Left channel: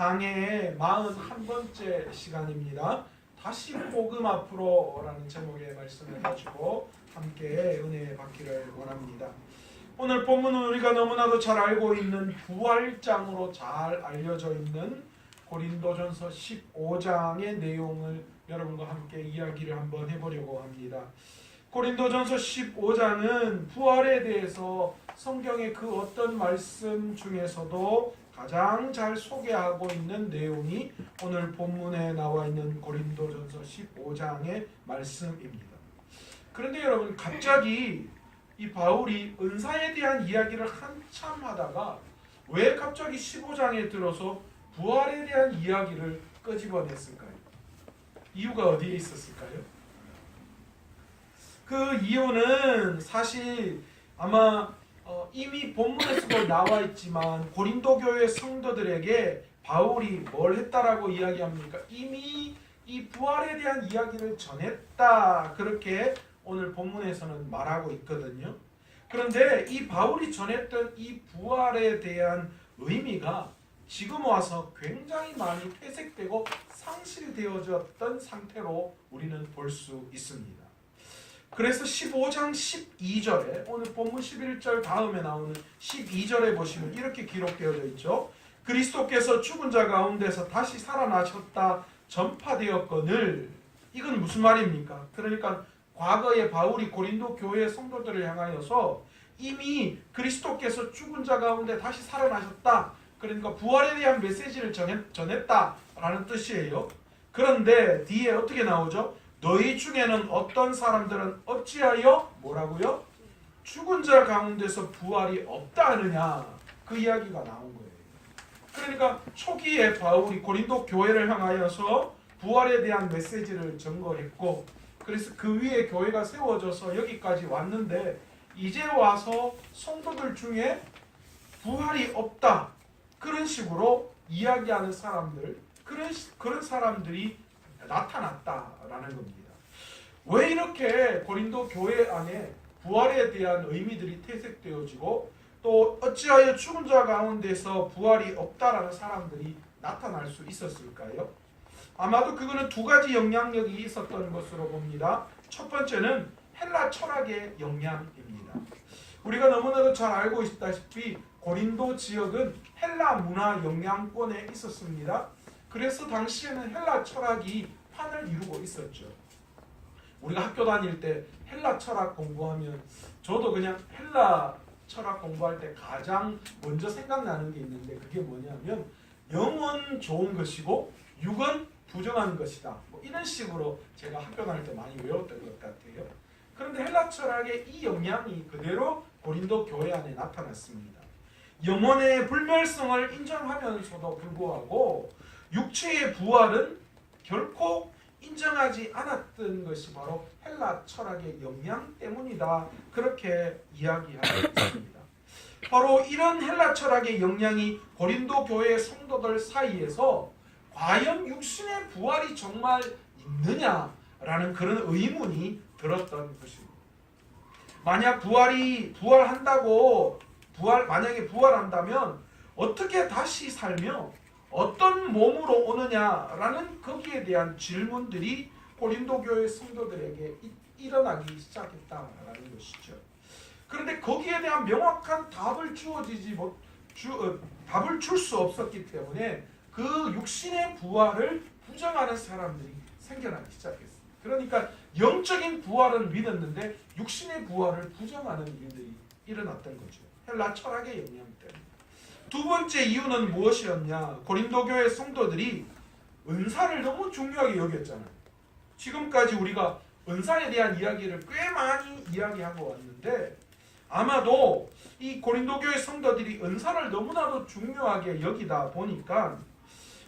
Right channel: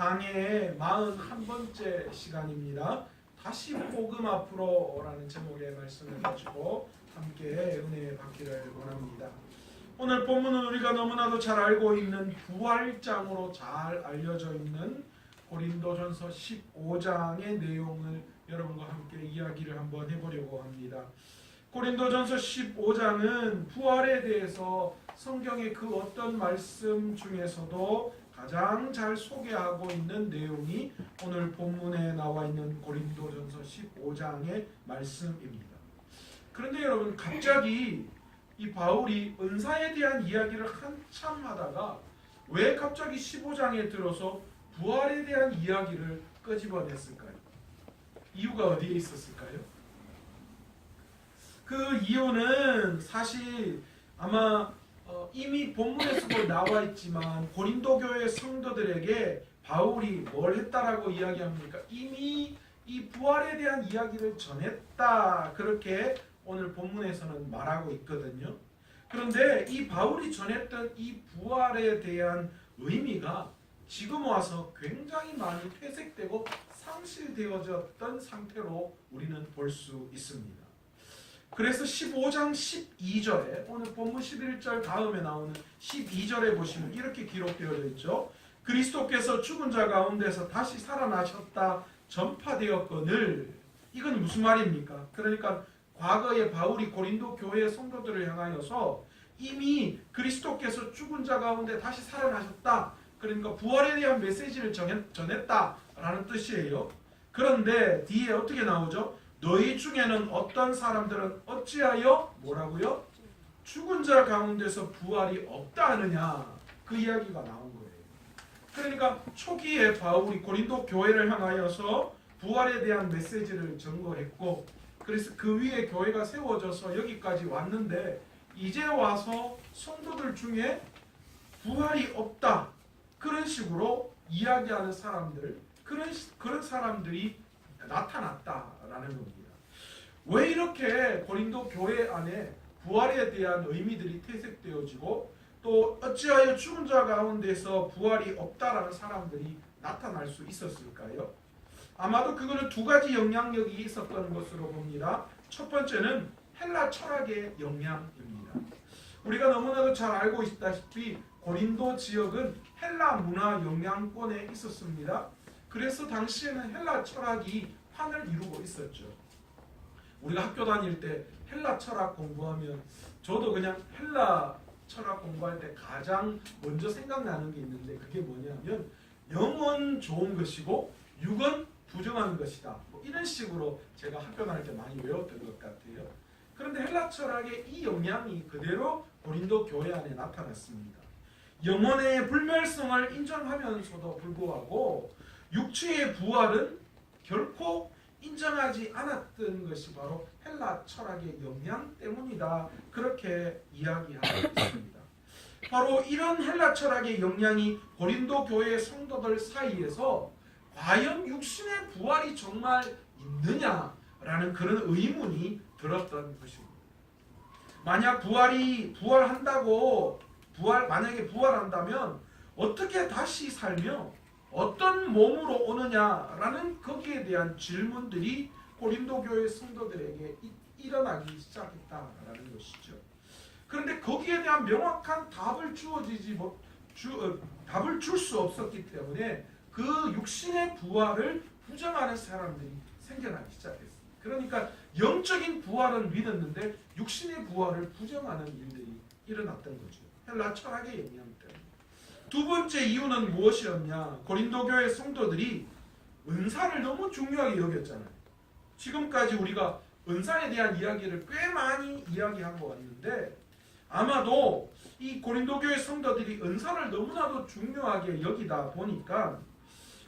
강해의 41번째 시간입니다. 다시 복음 앞으로라는 제목의 말씀을 가지고 함께 은혜 받기를 원합니다. 오늘 본문은 우리가 너무나도 잘 알고 있는 부활장으로 잘 알려져 있는 고린도전서 15장의 내용을 여러분과 함께 이야기를 한번 해보려고 합니다. 고린도전서 15장은 부활에 대해서 성경의 그 어떤 말씀 중에서도 가장 잘 소개하고 있는 내용이 오늘 본문에 나와 있는 고린도전서 15장의 말씀입니다. 그런데 여러분, 갑자기 이 바울이 은사에 대한 이야기를 한참 하다가 왜 갑자기 15장에 들어서 부활에 대한 이야기를 끄집어냈을까요? 이유가 어디에 있었을까요? 그 이유는 사실 아마 이미 본문에서도 나와 있지만 고린도 교회 성도들에게 바울이 뭘 했다라고 이야기합니까? 이미 이 부활에 대한 이야기를 전했다, 그렇게 오늘 본문에서는 말하고 있거든요. 그런데 이 바울이 전했던 이 부활에 대한 의미가 지금 와서 굉장히 많이 퇴색되고 상실되어졌던 상태로 우리는 볼 수 있습니다. 그래서 15장 12절에 오늘 본문 11절 다음에 나오는 12절에 보시면 이렇게 기록되어 있죠. 그리스도께서 죽은 자 가운데서 다시 살아나셨다 전파되었거늘. 이건 무슨 말입니까? 그러니까 과거에 바울이 고린도 교회 성도들을 향하여서 이미 그리스도께서 죽은 자 가운데 다시 살아나셨다, 그러니까 부활에 대한 메시지를 전했다라는 뜻이에요. 그런데 뒤에 어떻게 나오죠? 너희 중에는 어떤 사람들은 어찌하여 뭐라고요? 죽은 자 가운데서 부활이 없다 하느냐, 그 이야기가 나온 거예요. 그러니까 초기에 바울이 고린도 교회를 향하여서 부활에 대한 메시지를 전거했고, 그래서 그 위에 교회가 세워져서 여기까지 왔는데 이제 와서 성도들 중에 부활이 없다, 그런 식으로 이야기하는 사람들, 그런 사람들이 나타났다라는 겁니다. 왜 이렇게 고린도 교회 안에 부활에 대한 의미들이 퇴색되어지고 또 어찌하여 죽은 자 가운데서 부활이 없다라는 사람들이 나타날 수 있었을까요? 아마도 그거는 두 가지 영향력이 있었던 것으로 봅니다. 첫 번째는 헬라 철학의 영향입니다. 우리가 너무나도 잘 알고 있다시피 고린도 지역은 헬라 문화 영향권에 있었습니다. 그래서 당시에는 헬라 철학이 판을 이루고 있었죠. 우리가 학교 다닐 때 헬라 철학 공부하면, 저도 그냥 헬라 철학 공부할 때 가장 먼저 생각나는 게 있는데, 그게 뭐냐면 영은 좋은 것이고 육은 부정한 것이다, 뭐 이런 식으로 제가 학교 다닐 때 많이 외웠던 것 같아요. 그런데 헬라 철학의 이 영향이 그대로 고린도 교회 안에 나타났습니다. 영혼의 불멸성을 인정하면서도 불구하고 육체의 부활은 결코 인정하지 않았던 것이 바로 헬라 철학의 영향 때문이다, 그렇게 이야기하고 있습니다. 바로 이런 헬라 철학의 영향이 고린도 교회 성도들 사이에서 과연 육신의 부활이 정말 있느냐라는 그런 의문이 들었던 것입니다. 만약 만약에 부활한다면 어떻게 다시 살며 어떤 몸으로 오느냐라는 거기에 대한 질문들이 고린도 교회 성도들에게 일어나기 시작했다라는 것이죠. 그런데 거기에 대한 명확한 답을 답을 줄 수 없었기 때문에 그 육신의 부활을 부정하는 사람들이 생겨나기 시작했습니다. 그러니까 영적인 부활은 믿었는데 육신의 부활을 부정하는 일들이 일어났던 거죠. 헬라 철학의 영향 때문에. 두 번째 이유는 무엇이었냐? 고린도 교회 성도들이 은사를 너무 중요하게 여겼잖아요. 지금까지 우리가 은사에 대한 이야기를 꽤 많이 이야기하고 왔는데, 아마도 이 고린도 교회 성도들이 은사를 너무나도 중요하게 여기다 보니까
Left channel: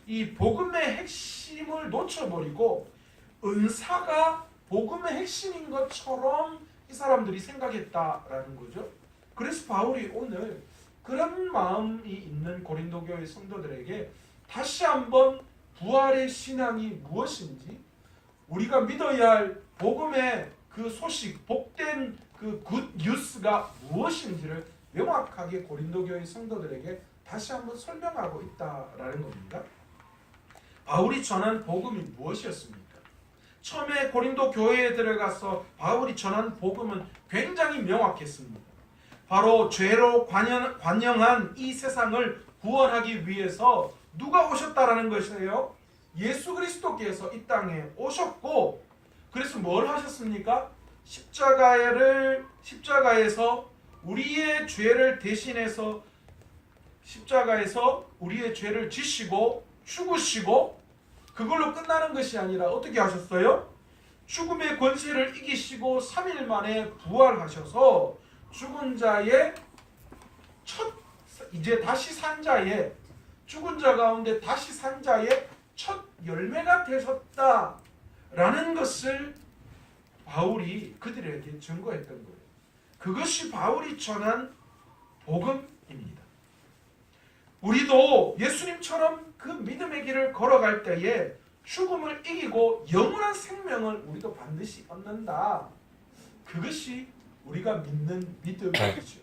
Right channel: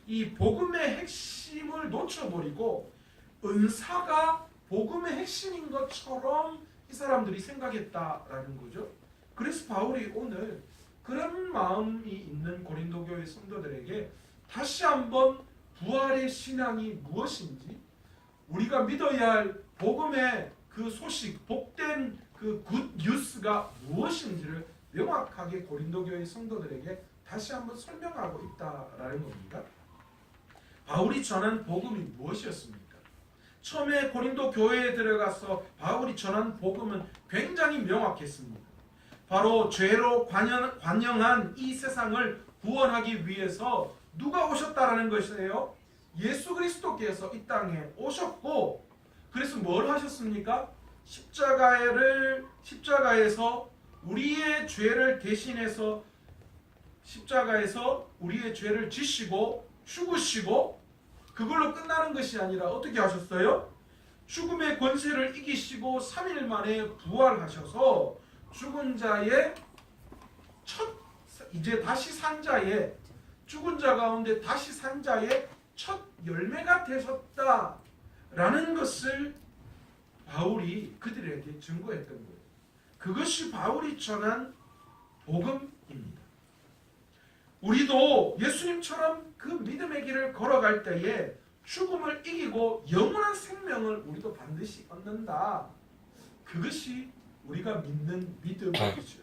이 복음의 핵심을 놓쳐버리고 은사가 복음의 핵심인 것처럼 이 사람들이 생각했다라는 거죠. 그래서 바울이 오늘 그런 마음이 있는 고린도 교회 성도들에게 다시 한번 부활의 신앙이 무엇인지, 우리가 믿어야 할 복음의 그 소식, 복된 그 굿 뉴스가 무엇인지를 명확하게 고린도 교회 성도들에게 다시 한번 설명하고 있다라는 겁니다. 바울이 전한 복음이 무엇이었습니까? 처음에 고린도 교회에 들어가서 바울이 전한 복음은 굉장히 명확했습니다. 바로 죄로 관영한 이 세상을 구원하기 위해서 누가 오셨다라는 것이에요? 예수 그리스도께서 이 땅에 오셨고, 그래서 뭘 하셨습니까? 십자가에서 우리의 죄를 대신해서 십자가에서 우리의 죄를 지시고 죽으시고, 그걸로 끝나는 것이 아니라 어떻게 하셨어요? 죽음의 권세를 이기시고 3일 만에 부활하셔서 죽은 자의 이제 다시 산 자의, 죽은 자 가운데 다시 산 자의 첫 열매가 되셨다라는 것을 바울이 그들에게 증거했던 거예요. 그것이 바울이 전한 복음입니다. 우리도 예수님처럼 그 믿음의 길을 걸어갈 때에 죽음을 이기고 영원한 생명을 우리도 반드시 얻는다. 그것이 우리가 믿는 믿음이죠.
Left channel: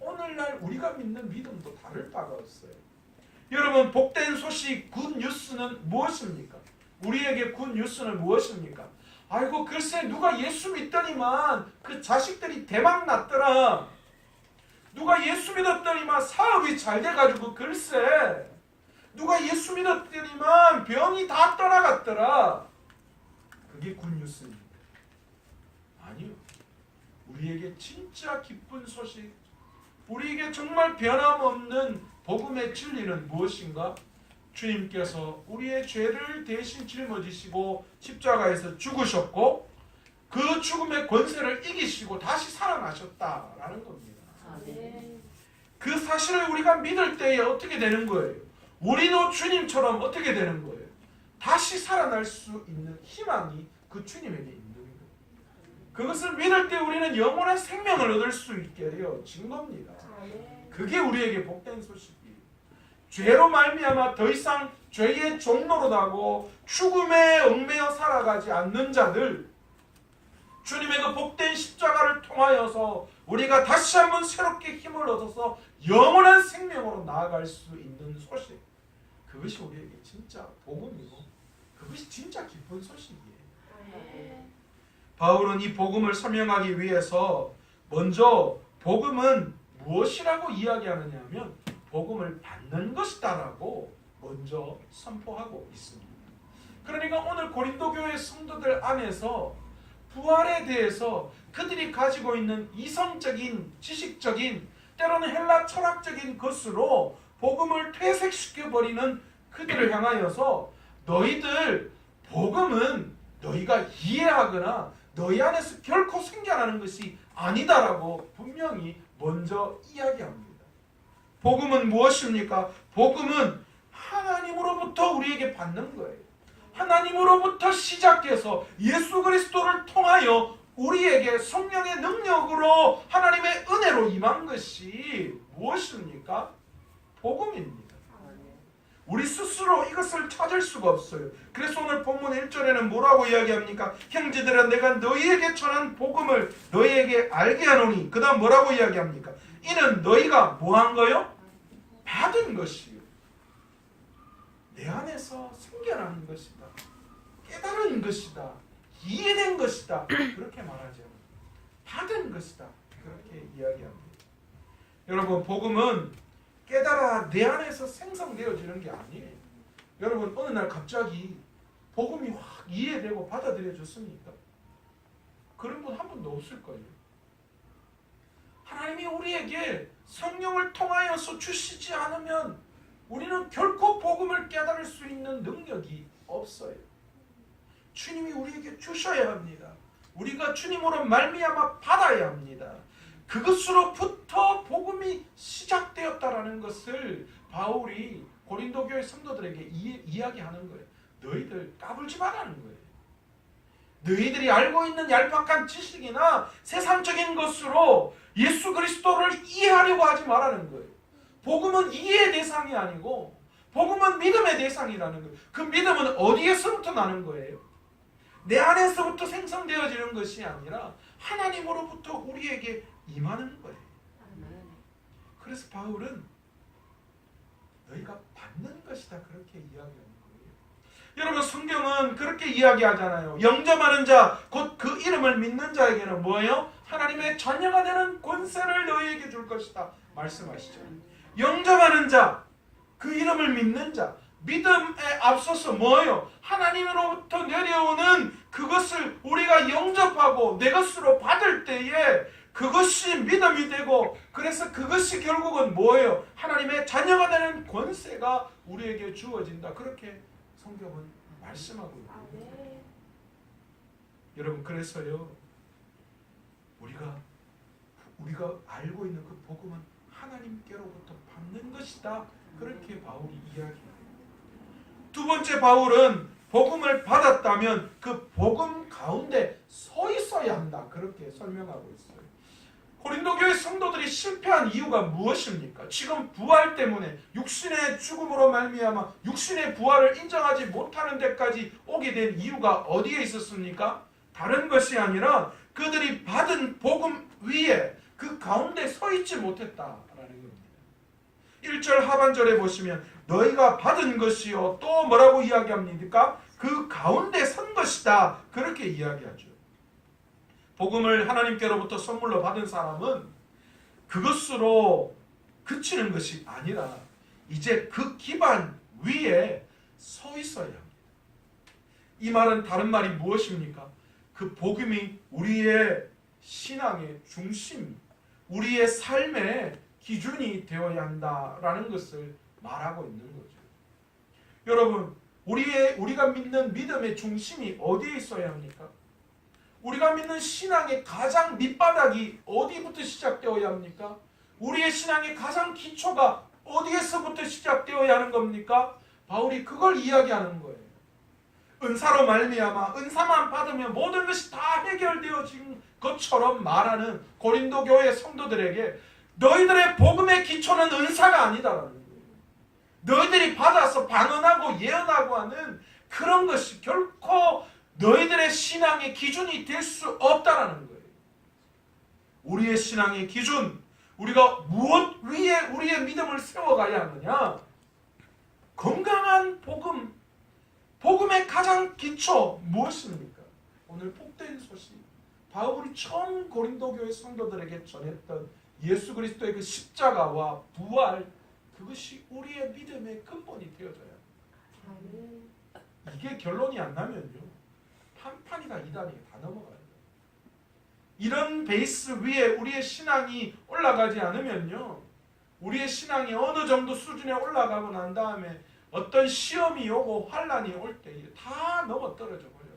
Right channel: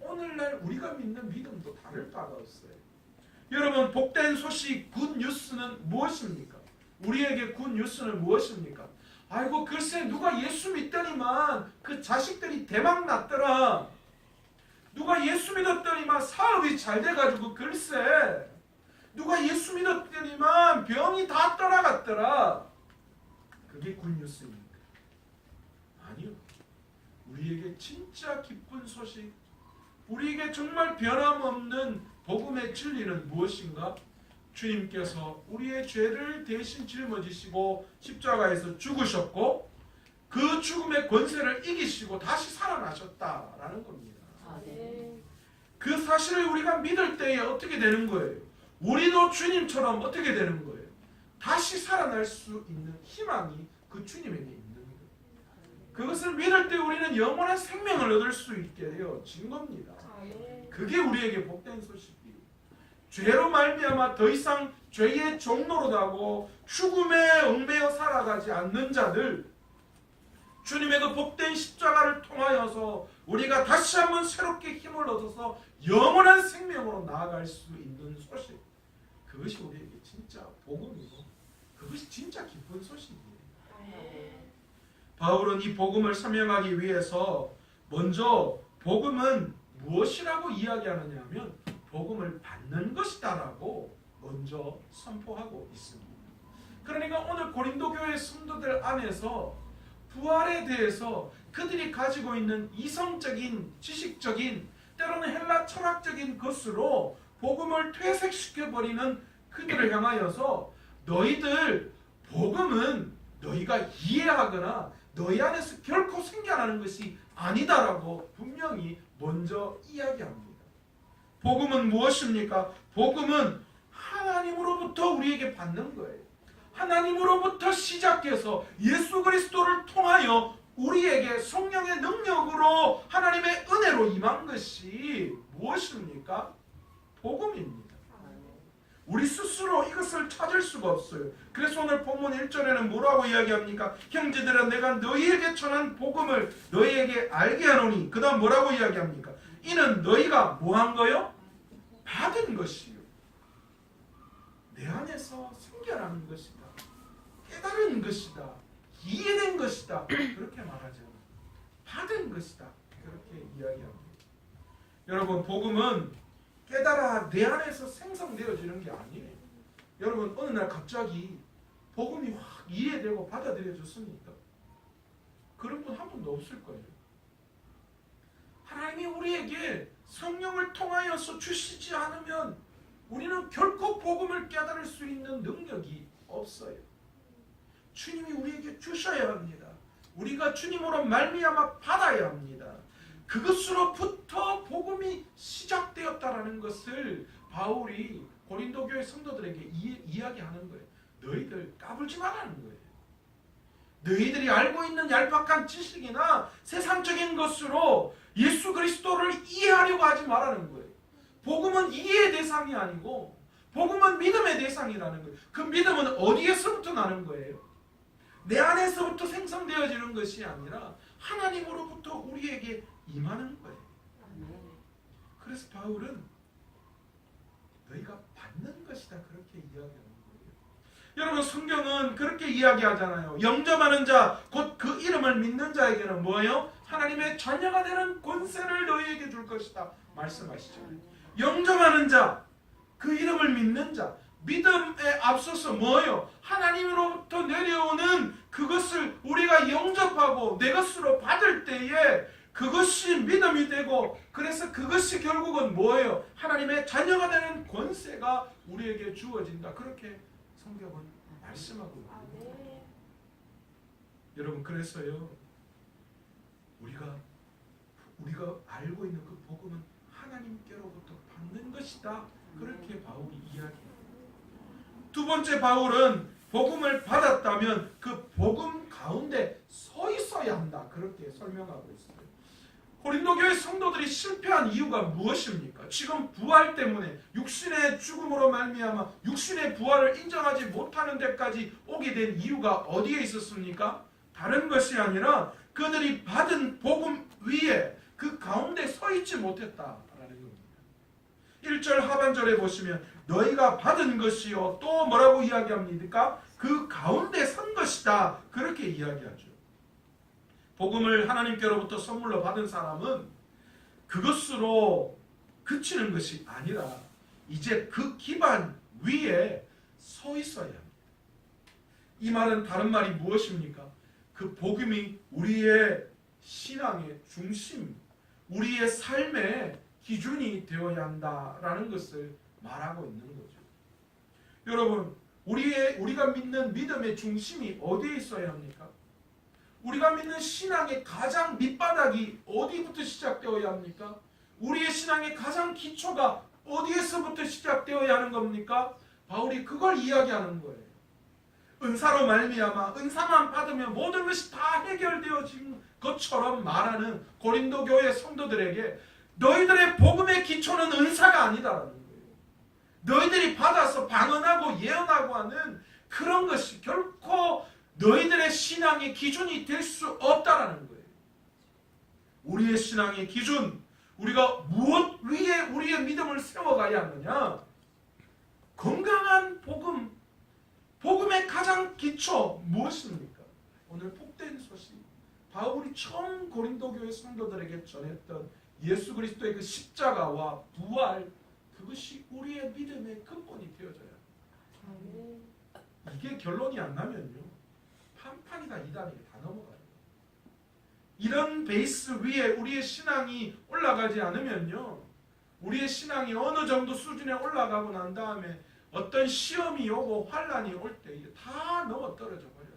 오늘날 우리가 믿는 믿음도 다를 바가 없어요. 여러분, 복된 소식 굿뉴스는 무엇입니까? 우리에게 굿뉴스는 무엇입니까? 아이고 글쎄 누가 예수 믿더니만 그 자식들이 대박 났더라. 누가 예수 믿었더니만 사업이 잘 돼가지고 글쎄 누가 예수 믿었더니만 병이 다 떠나갔더라. 그게 굿뉴스입니까? 아니요. 우리에게 진짜 기쁜 소식, 우리에게 정말 변함없는 복음의 진리는 무엇인가? 주님께서 우리의 죄를 대신 짊어지시고 십자가에서 죽으셨고 그 죽음의 권세를 이기시고 다시 살아나셨다라는 겁니다. 그 사실을 우리가 믿을 때에 어떻게 되는 거예요? 우리도 주님처럼 어떻게 되는 거예요? 다시 살아날 수 있는 희망이 그 주님에게 있는 거예요. 그것을 믿을 때 우리는 영원한 생명을 얻을 수 있게 되어진 겁니다. 그게 우리에게 복된 소식이에요. 죄로 말미암아 더 이상 죄의 종로로 나고 죽음에 얽매여 살아가지 않는 자들, 주님의 그 복된 십자가를 통하여서 우리가 다시 한번 새롭게 힘을 얻어서 영원한 생명으로 나아갈 수 있는 소식, 그것이 우리에게 진짜 복음이고 그것이 진짜 기쁜 소식이에요. 바울은 이 복음을 설명하기 위해서 먼저 복음은 무엇이라고 이야기하느냐 하면 복음을 받는 것이다라고 먼저 선포하고 있습니다. 그러니까 오늘 고린도 교회 성도들 안에서 부활에 대해서 그들이 가지고 있는 이성적인, 지식적인, 때로는 헬라 철학적인 것으로 복음을 퇴색시켜버리는 그들을 향하여서 너희들 복음은 너희가 이해하거나 너희 안에서 결코 생겨나는 것이 아니다라고 분명히 먼저 이야기합니다. 복음은 무엇입니까? 복음은 하나님으로부터 우리에게 받는 거예요. 하나님으로부터 시작해서 예수 그리스도를 통하여 우리에게 성령의 능력으로 하나님의 은혜로 임한 것이 무엇입니까? 복음입니다. 우리 스스로 이것을 찾을 수가 없어요. 그래서 오늘 본문 1절에는 뭐라고 이야기합니까? 형제들아 내가 너희에게 전한 복음을 너희에게 알게 하노니, 그 다음 뭐라고 이야기합니까? 이는 너희가 뭐한 거요? 받은 것이요. 내 안에서 생겨나는 것이다. 깨달은 것이다. 이해된 것이다. 그렇게 말하죠. 받은 것이다. 그렇게 이야기합니다. 여러분, 복음은 깨달아 내 안에서 생성되어지는 게 아니에요. 여러분, 어느 날 갑자기 복음이 확 이해되고 받아들여졌습니까? 그런 분 한 분도 없을 거예요. 하나님이 우리에게 성령을 통하여서 주시지 않으면 우리는 결코 복음을 깨달을 수 있는 능력이 없어요. 주님이 우리에게 주셔야 합니다. 우리가 주님으로 말미암아 받아야 합니다. 그것으로부터 복음이 시작되었다라는 것을 바울이 고린도 교회 성도들에게 이야기하는 거예요. 너희들 까불지 말라는 거예요. 너희들이 알고 있는 얄팍한 지식이나 세상적인 것으로 예수 그리스도를 이해하려고 하지 말라는 거예요. 복음은 이해의 대상이 아니고 복음은 믿음의 대상이라는 거예요. 그 믿음은 어디에서부터 나는 거예요? 내 안에서부터 생성되어지는 것이 아니라 하나님으로부터 우리에게 임하는 거예요. 그래서 바울은 너희가 받는 것이다 그렇게 이야기하는 거예요. 여러분 성경은 그렇게 이야기하잖아요. 영접하는 자, 곧 그 이름을 믿는 자에게는 뭐예요? 하나님의 자녀가 되는 권세를 너희에게 줄 것이다 말씀하시죠. 영접하는 자, 그 이름을 믿는 자, 믿음에 앞서서 뭐예요? 하나님으로부터 내려오는 그것을 우리가 영접하고 내 것으로 받을 때에 그것이 믿음이 되고, 그래서 그것이 결국은 뭐예요? 하나님의 자녀가 되는 권세가 우리에게 주어진다. 그렇게 성경은 말씀하고 있습니다. 여러분, 그래서요, 우리가 알고 있는 그 복음은 하나님께로부터 받는 것이다. 그렇게 바울이 이야기합니다. 두 번째, 바울은 복음을 받았다면 그 복음 가운데 서 있어야 한다. 그렇게 설명하고 있어요. 고린도 교회 성도들이 실패한 이유가 무엇입니까? 지금 부활 때문에 육신의 죽음으로 말미암아 육신의 부활을 인정하지 못하는 데까지 오게 된 이유가 어디에 있었습니까? 다른 것이 아니라 그들이 받은 복음 위에 그 가운데 서 있지 못했다라는 겁니다. 1절 하반절에 보시면 너희가 받은 것이요, 또 뭐라고 이야기합니까? 그 가운데 선 것이다. 그렇게 이야기하죠. 복음을 하나님께로부터 선물로 받은 사람은 그것으로 그치는 것이 아니라 이제 그 기반 위에 서 있어야 합니다. 이 말은 다른 말이 무엇입니까? 그 복음이 우리의 신앙의 중심, 우리의 삶의 기준이 되어야 한다라는 것을 말하고 있는 거죠. 여러분, 우리가 믿는 믿음의 중심이 어디에 있어야 합니까? 우리가 믿는 신앙의 가장 밑바닥이 어디부터 시작되어야 합니까? 우리의 신앙의 가장 기초가 어디에서부터 시작되어야 하는 겁니까? 바울이 그걸 이야기하는 거예요. 은사로 말미암아 은사만 받으면 모든 것이 다 해결되어진 것처럼 말하는 고린도 교회 성도들에게 너희들의 복음의 기초는 은사가 아니다라는 거예요. 너희들이 받아서 방언하고 예언하고 하는 그런 것이 결코 너희들의 신앙의 기준이 될 수 없다라는 거예요. 우리의 신앙의 기준, 우리가 무엇 위에 우리의 믿음을 세워가야 하느냐? 건강한 복음, 복음의 가장 기초 무엇입니까? 오늘 복된 소식, 바울이 처음 고린도 교회 성도들에게 전했던 예수 그리스도의 그 십자가와 부활, 그것이 우리의 믿음의 근본이 되어져야 합니다. 이게 결론이 안 나면요, 한판이나 이단이 다 넘어가요. 이런 베이스 위에 우리의 신앙이 올라가지 않으면요, 우리의 신앙이 어느 정도 수준에 올라가고 난 다음에 어떤 시험이 오고 환란이 올 때 다 넘어 떨어져 버려요.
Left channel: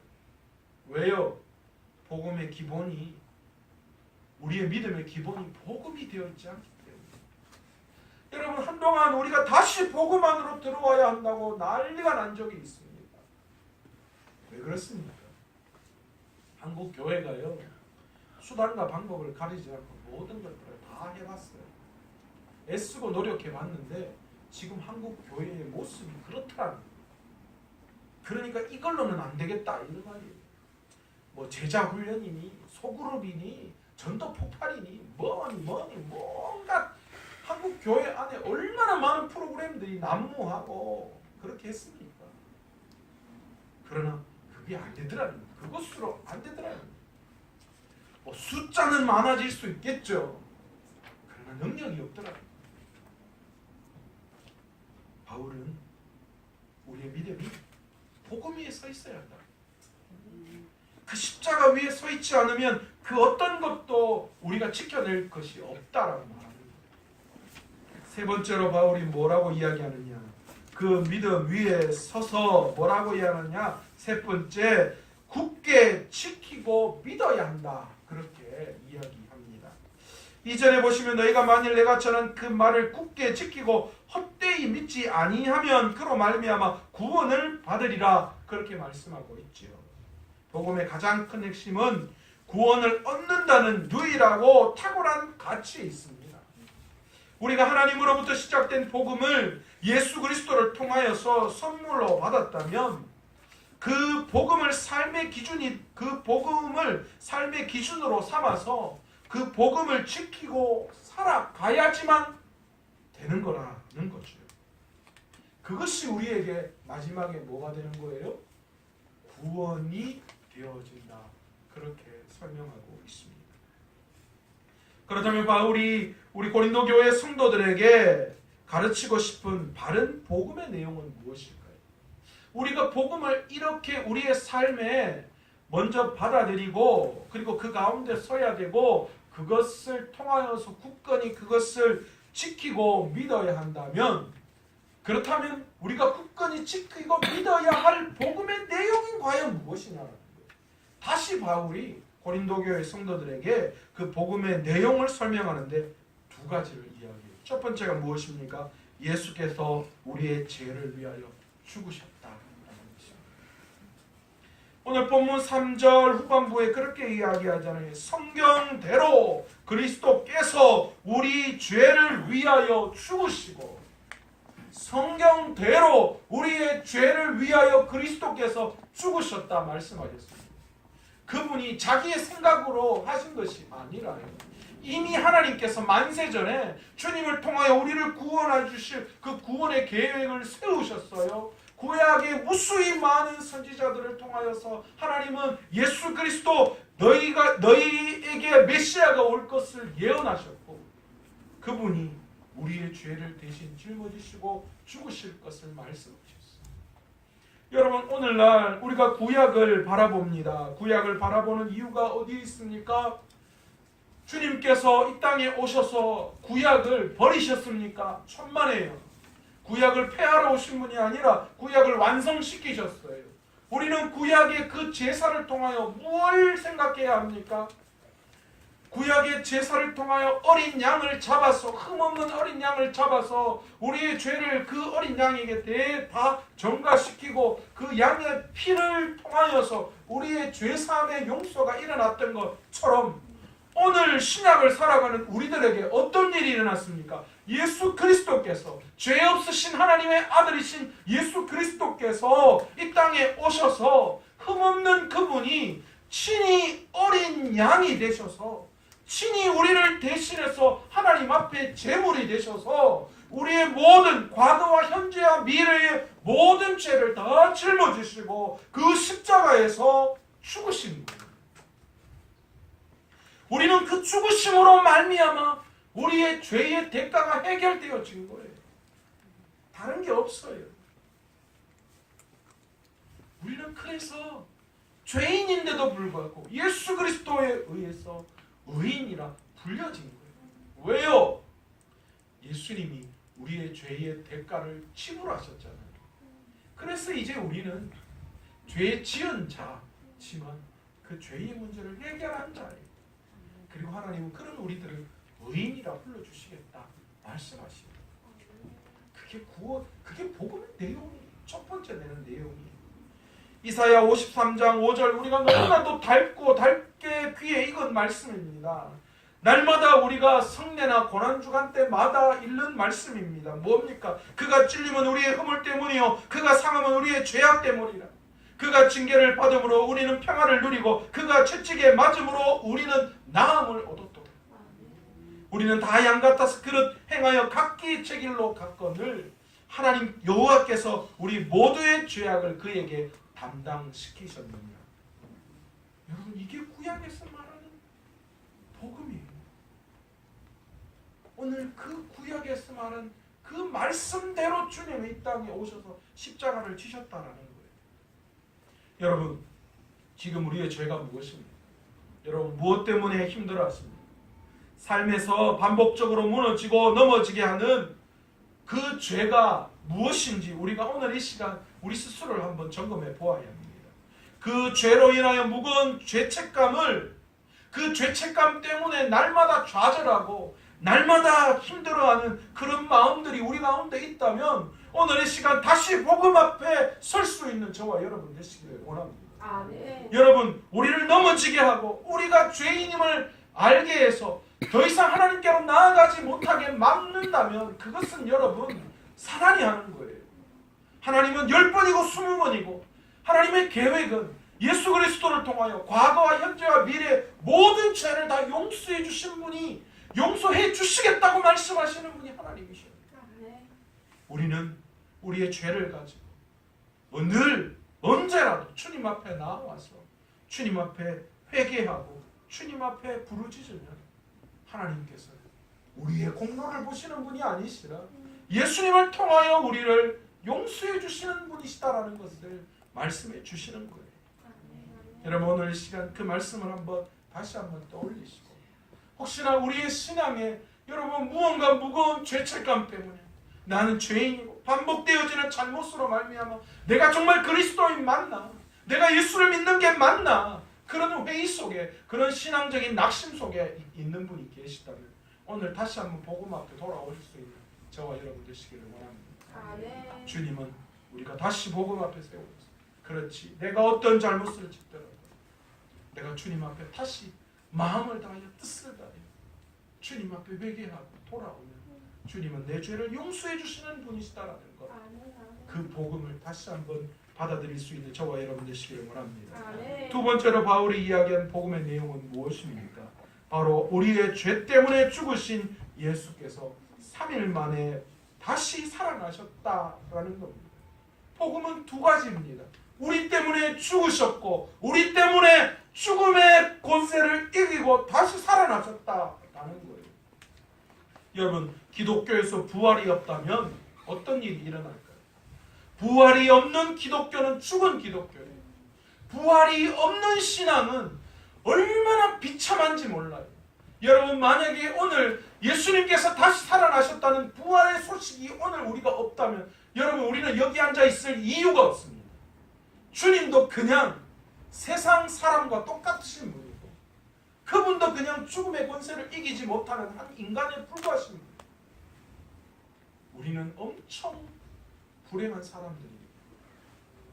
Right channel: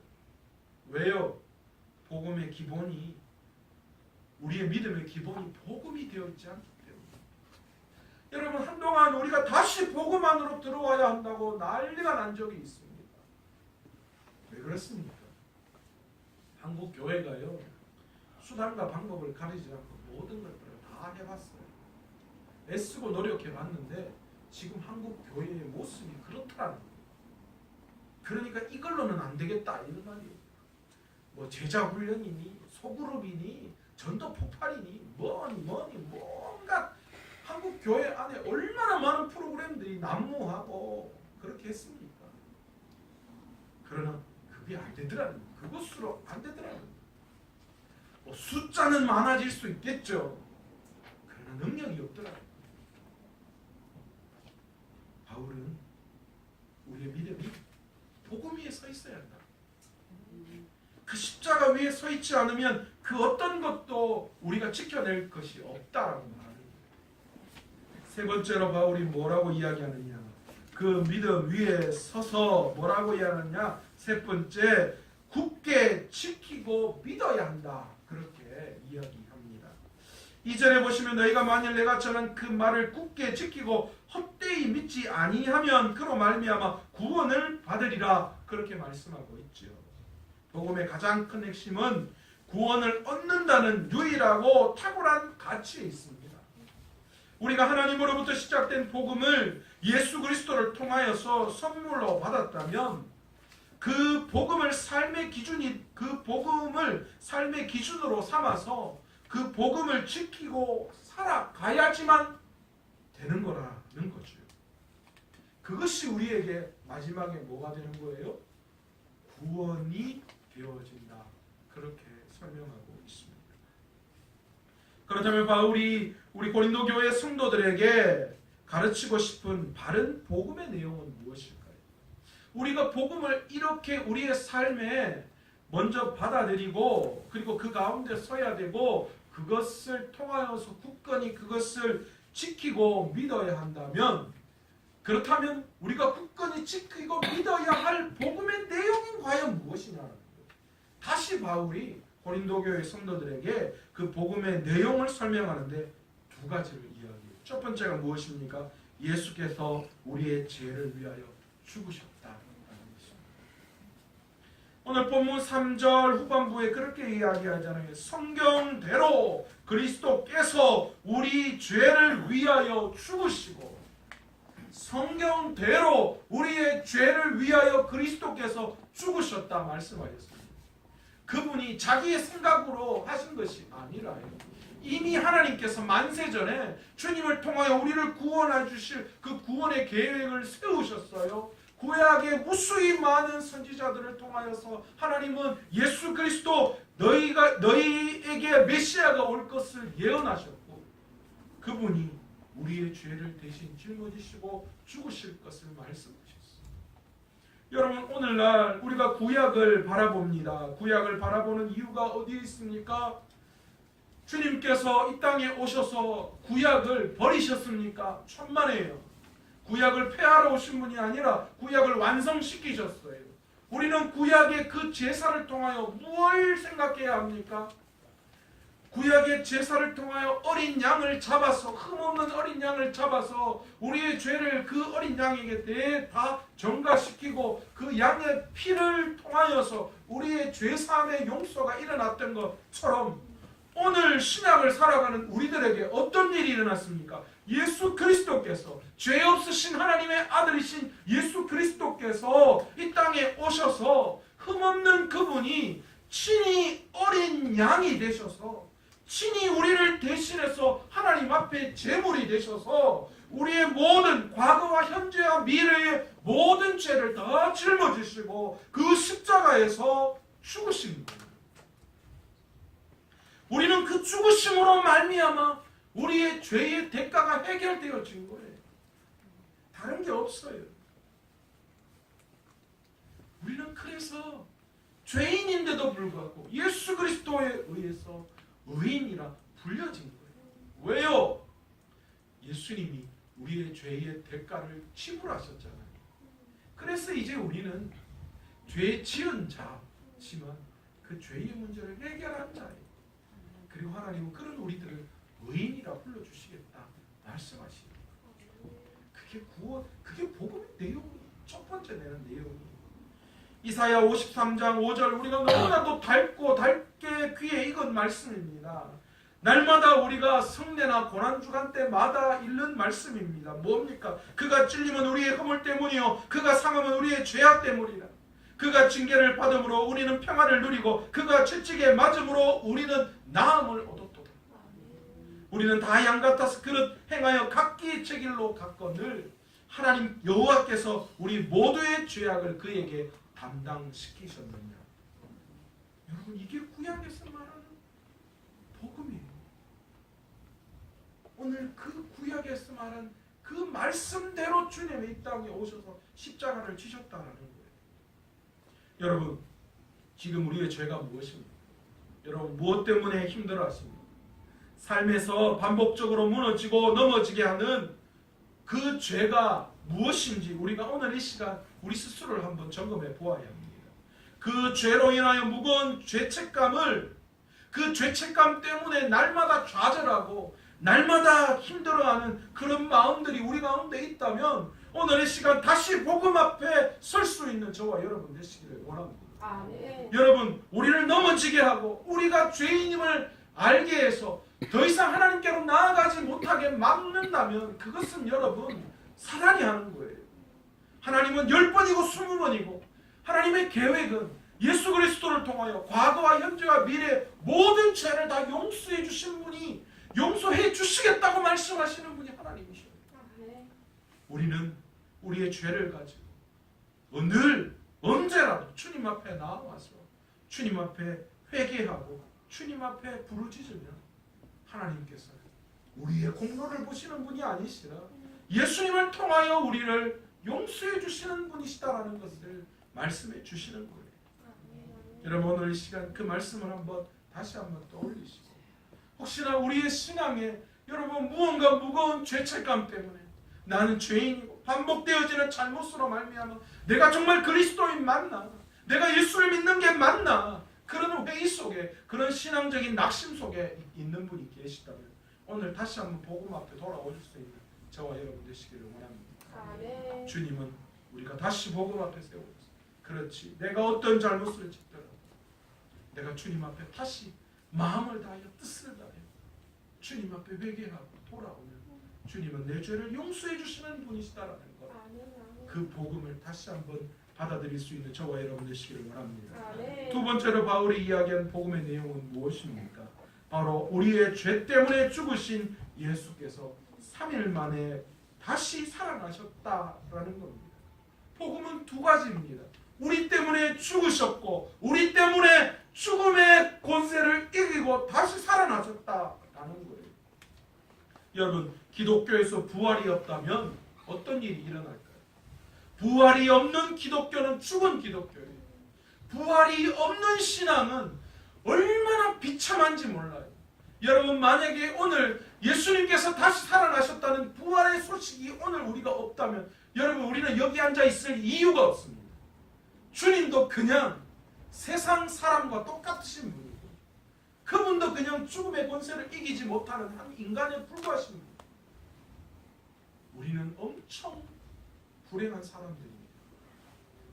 왜요? 복음의 기본이, 우리의 믿음의 기본이 복음이 되었지 않기 때문에. 여러분, 한동안 우리가 다시 복음 안으로 들어와야 한다고 난리가 난 적이 있습니다. 왜 그렇습니까? 한국 교회가요, 수단과 방법을 가리지 않고 모든 것들을 다 해봤어요. 애쓰고 노력해봤는데 지금 한국 교회의 모습이 그렇다는 거예요. 그러니까 이걸로는 안 되겠다 이런 말이에요. 뭐 제자 훈련이니 소그룹이니 전도 폭발이니 뭐니 뭔가 한국 교회 안에 얼마나 많은 프로그램들이 난무하고 그렇게 했습니까? 그러나 그게 안 되더라는 거예요. 그것으로 안 되더라는 거예요. 뭐 숫자는 많아질 수 있겠죠. 그러나 능력이 없더라는 거예요. 바울은 우리의 믿음이 복음 위에 서 있어야 한다. 그 십자가 위에 서 있지 않으면 그 어떤 것도 우리가 지켜낼 것이 없다라고 말합니다. 세 번째로 바울이 뭐라고 이야기하느냐? 그 믿음 위에 서서 뭐라고 이야기하느냐? 세 번째, 굳게 지키고 믿어야 한다. 그렇게 이야기합니다. 2절에 보시면 너희가 만일 내가 전한 그 말을 굳게 지키고 헛되이 믿지 아니하면 그로 말미암아 구원을 받으리라. 그렇게 말씀하고 있죠. 복음의 가장 큰 핵심은 구원을 얻는다는 유일하고 탁월한 가치에 있습니다. 우리가 하나님으로부터 시작된 복음을 예수 그리스도를 통하여서 선물로 받았다면 그 복음을 삶의 기준으로 삼아서 그 복음을 지키고 살아가야지만 되는 거라는 거죠. 그것이 우리에게 마지막에 뭐가 되는 거예요? 구원이 되어진다. 그렇게 설명하고 있습니다. 그렇다면 바울이 우리 고린도 교회 성도들에게 가르치고 싶은 바른 복음의 내용은 무엇일까요? 우리가 복음을 이렇게 우리의 삶에 먼저 받아들이고 그리고 그 가운데 서야 되고 그것을 통하여서 굳건히 그것을 지키고 믿어야 한다면, 그렇다면 우리가 굳건히 지키고 믿어야 할 복음의 내용이 과연 무엇이냐는 거예요. 다시 바울이 고린도 교회 성도들에게 그 복음의 내용을 설명하는데 두 가지를 이야기해요. 첫 번째가 무엇입니까? 예수께서 우리의 죄를 위하여 죽으셨다. 오늘 본문 3절 후반부에 그렇게 이야기하잖아요. 성경대로 그리스도께서 우리 죄를 위하여 죽으시고, 성경대로 우리의 죄를 위하여 그리스도께서 죽으셨다 말씀하셨습니다. 그분이 자기의 생각으로 하신 것이 아니라요. 이미 하나님께서 만세전에 주님을 통하여 우리를 구원해 주실 그 구원의 계획을 세우셨어요. 구약에 무수히 많은 선지자들을 통하여서 하나님은 예수 그리스도 너희에게 메시아가 올 것을 예언하셨고, 그분이 우리의 죄를 대신 짊어지시고 죽으실 것을 말씀하셨어요. 여러분, 오늘날 우리가 구약을 바라봅니다. 구약을 바라보는 이유가 어디에 있습니까? 주님께서 이 땅에 오셔서 구약을 버리셨습니까? 천만에요. 구약을 폐하러 오신 분이 아니라 구약을 완성시키셨어요. 우리는 구약의 그 제사를 통하여 무엇을 생각해야 합니까? 구약의 제사를 통하여 어린 양을 잡아서, 흠없는 어린 양을 잡아서 우리의 죄를 그 어린 양에게 다 전가시키고 그 양의 피를 통하여서 우리의 죄사함의 용서가 일어났던 것처럼 오늘 신약을 살아가는 우리들에게 어떤 일이 일어났습니까? 예수 그리스도께서, 죄 없으신 하나님의 아들이신 예수 그리스도께서 이 땅에 오셔서 흠없는 그분이 친히 어린 양이 되셔서 친히 우리를 대신해서 하나님 앞에 제물이 되셔서 우리의 모든 과거와 현재와 미래의 모든 죄를 다 짊어지시고 그 십자가에서 죽으십니다. 우리는 그 죽으심으로 말미암아 우리의 죄의 대가가 해결되어진 거예요. 다른 게 없어요. 우리는 그래서 죄인인데도 불구하고 예수 그리스도에 의해서 의인이라 불려진 거예요. 왜요? 예수님이 우리의 죄의 대가를 지불하셨잖아요. 그래서 이제 우리는 죄 지은 자지만 그 죄의 문제를 해결한 자예요. 그리고 하나님은 그런 우리들을 의인이라 불러주시겠다 말씀하시고, 그게 구원, 그게 복음의 내용이 첫 번째 내는 내용이에요. 이사야 53장 5절 우리가 너무나도 달게 귀에 익은 말씀입니다. 날마다 우리가 성례나 고난주간 때마다 읽는 말씀입니다. 뭡니까? 그가 찔림은 우리의 허물 때문이요 그가 상함은 우리의 죄악 때문이라. 그가 징계를 받음으로 우리는 평안을 누리고 그가 채찍에 맞음으로 우리는 나음을 얻었도다. 우리는 다 양 같아서 그릇 행하여 각기 제 길로 갔거늘 하나님 여호와께서 우리 모두의 죄악을 그에게 담당시키셨느냐. 여러분, 이게 구약에서 말하는 복음이에요. 오늘 그 구약에서 말하는 그 말씀대로 주님이 이 땅에 오셔서 십자가를 지셨다는 거예요. 여러분, 지금 우리의 죄가 무엇입니까? 여러분, 무엇 때문에 힘들어하십니까? 삶에서 반복적으로 무너지고 넘어지게 하는 그 죄가 무엇인지 우리가 오늘 이 시간 우리 스스로를 한번 점검해 보아야 합니다. 그 죄로 인하여 무거운 죄책감을, 그 죄책감 때문에 날마다 좌절하고 날마다 힘들어하는 그런 마음들이 우리 가운데 있다면 오늘 이 시간 다시 복음 앞에 설 수 있는 저와 여러분 되시기를 원합니다. 네. 여러분, 우리를 넘어지게 하고 우리가 죄인임을 알게 해서 더 이상 하나님께로 나아가지 못하게 막는다면 그것은 여러분 사단이 하는 거예요. 하나님은 10번이고 20번이고 하나님의 계획은 예수 그리스도를 통하여 과거와 현재와 미래 모든 죄를 다 용서해 주신 분이 용서해 주시겠다고 말씀하시는 분이 하나님이셔요. 우리는 우리의 죄를 가지고 늘 언제라도 주님 앞에 나와서 주님 앞에 회개하고 주님 앞에 부르짖으면 하나님께서 우리의 공로를 보시는 분이 아니시라 예수님을 통하여 우리를 용서해 주시는 분이시다라는 것을 말씀해 주시는 거예요. 여러분 오늘 이 시간 그 말씀을 다시 한번 떠올리시고 혹시나 우리의 신앙에 여러분 무언가 무거운 죄책감 때문에 나는 죄인이고 반복되어지는 잘못으로 말미암아 내가 정말 그리스도인 맞나? 내가 예수를 믿는 게 맞나? 그런 회의 속에 그런 신앙적인 낙심 속에 있는 분이 계시다면 오늘 다시 한번 복음 앞에 돌아오실 수 있는 저와 여러분 되시기를 원합니다. 주님은 우리가 다시 복음 앞에 세워서 그렇지 내가 어떤 잘못을 짓더라도 내가 주님 앞에 다시 마음을 다하여 뜻을 다하여 주님 앞에 회개하고 돌아오면 주님은 내 죄를 용서해 주시는 분이시다라는 것 그 복음을 다시 한번 받아들일 수 있는 저와 여러분 되시기를 원합니다. 두 번째로 바울이 이야기한 복음의 내용은 무엇입니까? 바로 우리의 죄 때문에 죽으신 예수께서 3일 만에 다시 살아나셨다라는 겁니다. 복음은 두 가지입니다. 우리 때문에 죽으셨고 우리 때문에 죽음의 권세를 이기고 다시 살아나셨다라는 거예요. 여러분 기독교에서 부활이 없다면 어떤 일이 일어날까요? 부활이 없는 기독교는 죽은 기독교예요. 부활이 없는 신앙은 얼마나 비참한지 몰라요. 여러분 만약에 오늘 예수님께서 다시 살아나셨다는 부활의 소식이 오늘 우리가 없다면 여러분 우리는 여기 앉아 있을 이유가 없습니다. 주님도 그냥 세상 사람과 똑같으신 분이고 그분도 그냥 죽음의 권세를 이기지 못하는 한 인간에 불과하신 분이에요. 우리는 엄청 불행한 사람들입니다.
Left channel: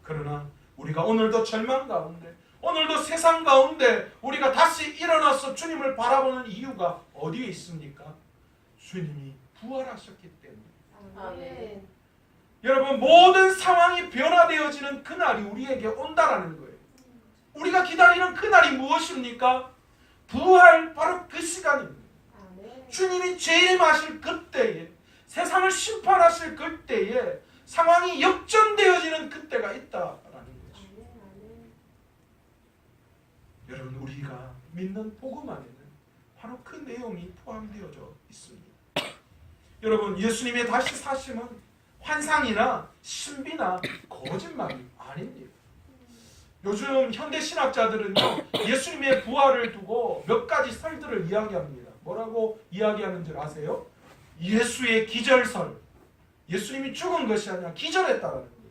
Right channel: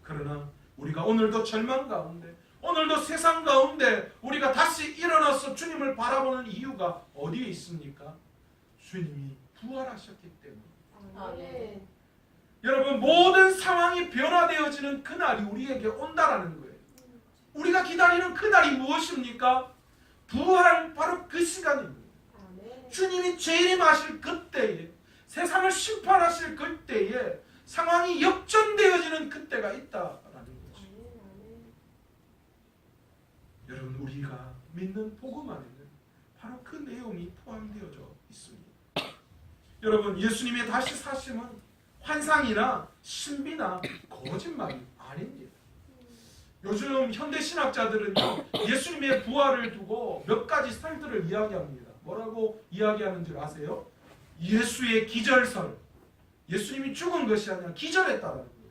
그러나 우리가 오늘도 절망 가운데 오늘도 세상 가운데 우리가 다시 일어나서 주님을 바라보는 이유가 어디에 있습니까? 주님이 부활하셨기 때문에. 여러분 모든 상황이 변화되어지는 그날이 우리에게 온다라는 거예요. 우리가 기다리는 그날이 무엇입니까? 부활 바로 그 시간입니다. 주님이 재림하실 그때에 세상을 심판하실 그때에 상황이 역전되어지는 그때가 있다라는 거죠. 여러분 우리가 믿는 복음 안에는 바로 그 내용이 포함되어져 있습니다. 여러분 예수님의 다시 사심은 환상이나 신비나 거짓말이 아닙니다. 요즘 현대 신학자들은요 예수님의 부활을 두고 몇 가지 설들을 이야기합니다. 뭐라고 이야기하는 줄 아세요? 예수의 기절설. 예수님이 죽은 것이 아니라 기절했다라는 거예요.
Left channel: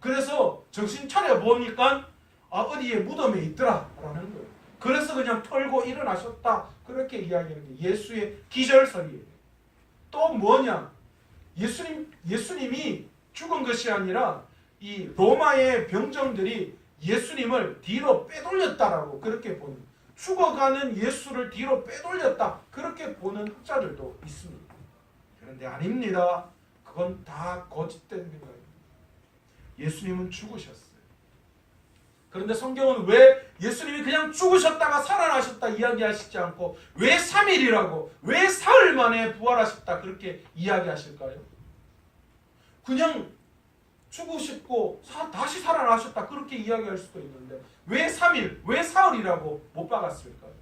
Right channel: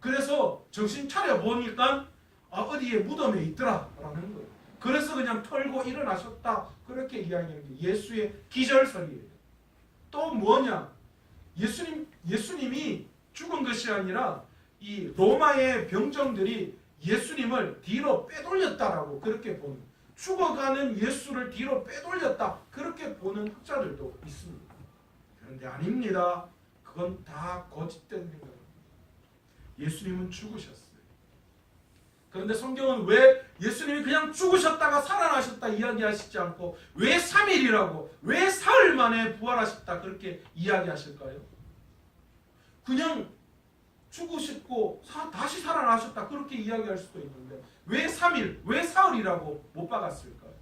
그래서 정신 차려 보니까 어디에 무덤에 있더라라는 거예요. 그래서 그냥 털고 일어나셨다 그렇게 이야기하는 게 예수의 기절설이에요. 또 뭐냐? 예수님이 죽은 것이 아니라 이 로마의 병정들이 예수님을 뒤로 빼돌렸다라고 그렇게 보는 죽어가는 예수를 뒤로 빼돌렸다 그렇게 보는 학자들도 있습니다. 그런데 아닙니다. 그건 다 거짓된 생각입니다. 예수님은 죽으셨어요. 그런데 성경은 왜 예수님이 그냥 죽으셨다가 살아나셨다 이야기하시지 않고 왜 3일이라고 왜 사흘 만에 부활하셨다 그렇게 이야기하실까요? 그냥 죽으셨고 다시 살아나셨다 그렇게 이야기할 수도 있는데 왜 3일 왜 사흘이라고 못 박았을까요?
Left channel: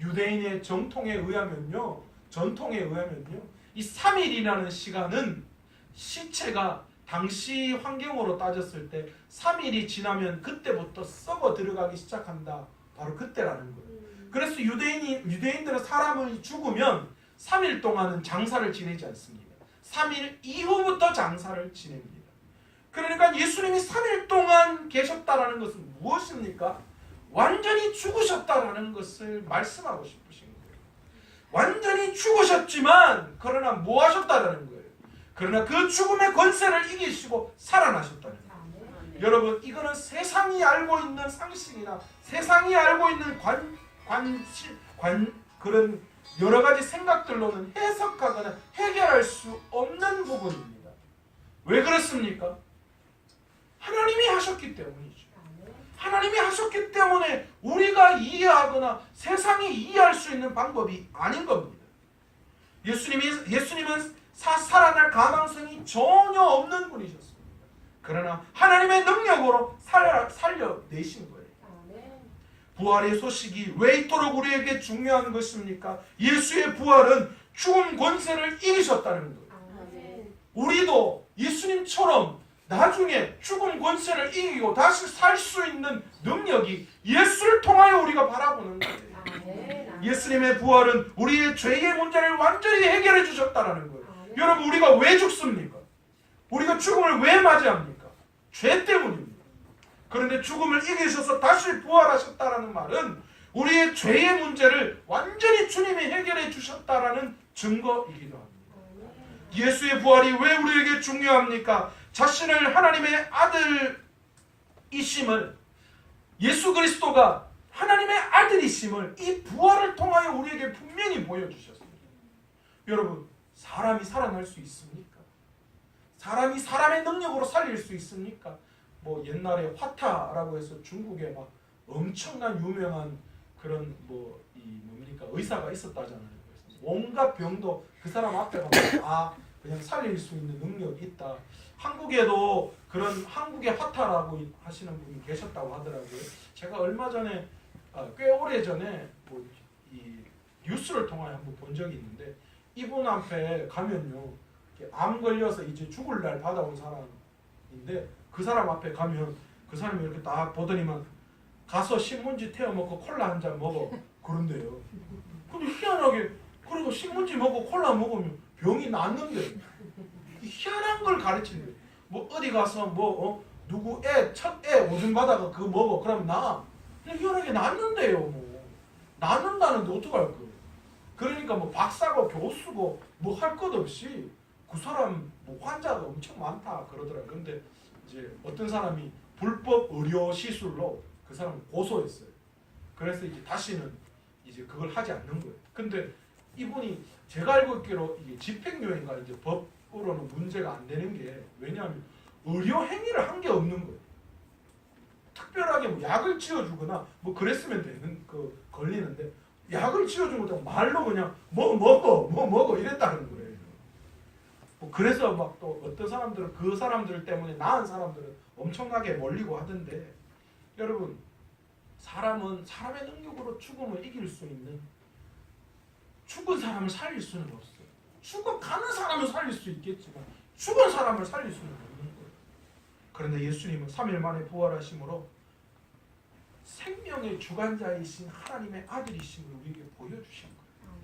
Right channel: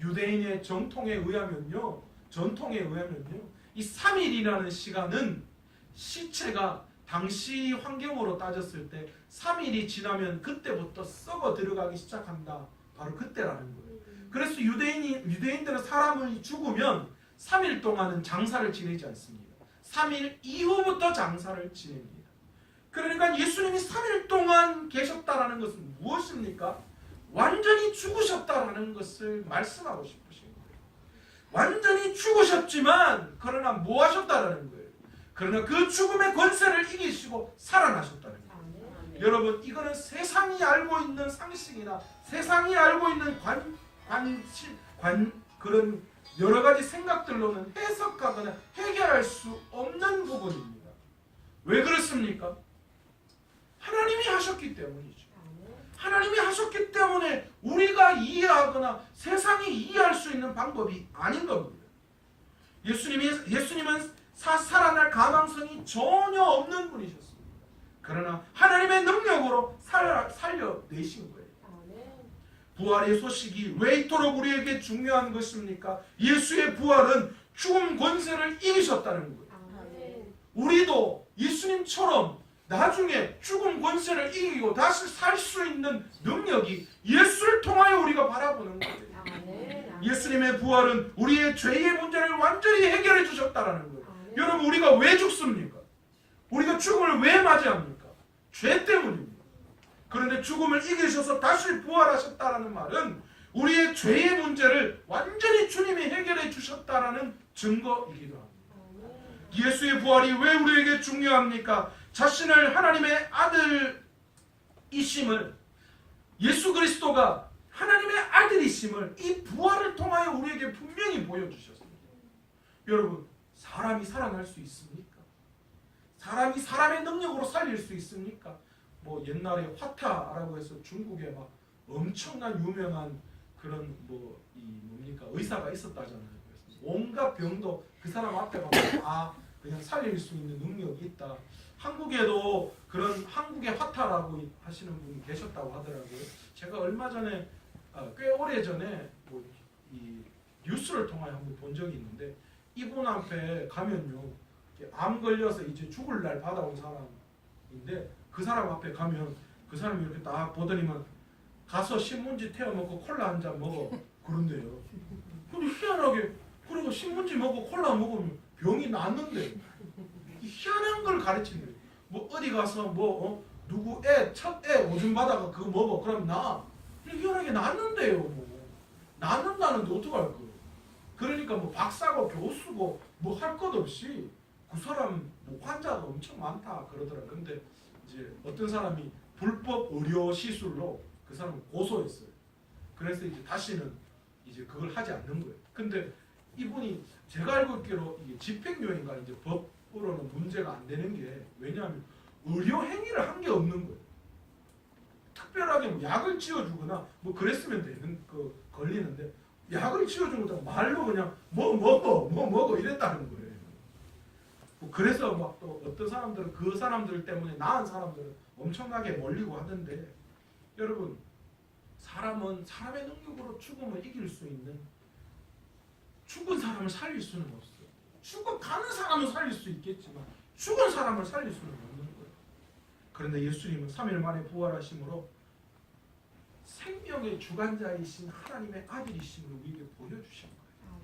유대인의 전통에 의하면요 이 3일이라는 시간은 시체가 당시 환경으로 따졌을 때 3일이 지나면 그때부터 썩어 들어가기 시작한다. 바로 그때라는 거예요. 그래서 유대인들은 사람이 죽으면 3일 동안은 장사를 지내지 않습니다. 3일 이후부터 장사를 지냅니다. 그러니까 예수님이 3일 동안 계셨다라는 것은 무엇입니까? 완전히 죽으셨다라는 것을 말씀하고 싶으신 거예요. 완전히 죽으셨지만 그러나 뭐 하셨다라는 거예요? 그러나 그 죽음의 권세를 이기시고 살아나셨다는 거예요. 여러분 이거는 세상이 알고 있는 상식이나 세상이 알고 있는 그런 여러 가지 생각들로는 해석하거나 해결할 수 없는 부분입니다. 왜 그렇습니까? 하나님이 하셨기 때문이죠. 하나님이 하셨기 때문에 우리가 이해하거나 세상이 이해할 수 있는 방법이 아닌 겁니다. 예수님은 살아날 가능성이 전혀 없는 분이셨습니다. 그러나 하나님의 능력으로 살려내신 거예요. 부활의 소식이 왜 이토록 우리에게 중요한 것입니까? 예수의 부활은 죽음 권세를 이기셨다는 거예요. 우리도 예수님처럼 나중에 죽음 권세를 이기고 다시 살 수 있는 능력이 예수를 통하여 우리가 바라보는 거예요. 예수님의 부활은 우리의 죄의 문제를 완전히 해결해 주셨다는 거예요. 여러분, 우리가 왜 죽습니까? 우리가 죽음을 왜 맞이합니까? 죄 때문입니다. 그런데 죽음을 이기셔서 다시 부활하셨다는 말은 우리의 죄의 문제를 완전히 주님이 해결해 주셨다는 증거이기도 합니다. 예수의 부활이 왜 우리에게 중요합니까? 자신을 하나님의 아들이심을, 예수 그리스도가 하나님의 아들이심을 이 부활을 통하여 우리에게 분명히 보여주셨습니다. 여러분, 사람이 살아날 수 있습니까? 사람이 사람의 능력으로 살릴 수 있습니까? 뭐 옛날에 화타라고 해서 중국에 막 엄청난 유명한 그런 뭡니까 의사가 있었다잖아요. 그래서 온갖 병도 그 사람 앞에 가서 그냥 살릴 수 있는 능력이 있다. 한국에도 그런 한국의 화타라고 하시는 분이 계셨다고 하더라고요. 제가 얼마 전에 꽤 오래 전에 이 뉴스를 통하여 한번 본 적이 있는데, 이분 앞에 가면요, 암 걸려서 이제 죽을 날 받아온 사람인데, 그 사람 앞에 가면 그 사람이 이렇게 딱 보더니만 가서 신문지 태워 먹고 콜라 한 잔 먹어 그런데요. 근데 희한하게 그리고 신문지 먹고 콜라 먹으면 병이 낫는데, 희한한 걸 가르친대. 뭐 어디 가서 누구 첫 애 오줌 받아가 그거 먹어 그럼 나. 희한하게 낫는데요. 뭐 낫는다는데 어떡할 거예요. 그러니까 뭐 박사고 교수고 뭐 할 것 없이 그 사람 환자가 엄청 많다 그러더라고요. 근데 이제 어떤 사람이 불법 의료 시술로 그 사람을 고소했어요. 그래서 이제 다시는 이제 그걸 하지 않는 거예요. 근데 이분이 제가 알고 있기로 이게 집행유예인가 이제 법으로는 문제가 안 되는 게, 왜냐하면 의료 행위를 한 게 없는 거예요. 특별하게 뭐 약을 지어주거나 뭐 그랬으면 되는 걸리는데, 약을 지어준 것도 말로 그냥 먹어 이랬다는 거예요. 뭐 그래서 막 또 어떤 사람들은 그 사람들 때문에 나은 사람들은 엄청나게 몰리고 하던데, 여러분, 사람은 사람의 능력으로 죽음을 이길 수 있는, 죽은 사람을 살릴 수는 없어요. 죽어가는 사람을 살릴 수 있겠지만 죽은 사람을 살릴 수는 없는 거예요. 그런데 예수님은 3일 만에 부활하심으로 생명의 주관자이신 하나님의 아들이심을 우리에게 보여주신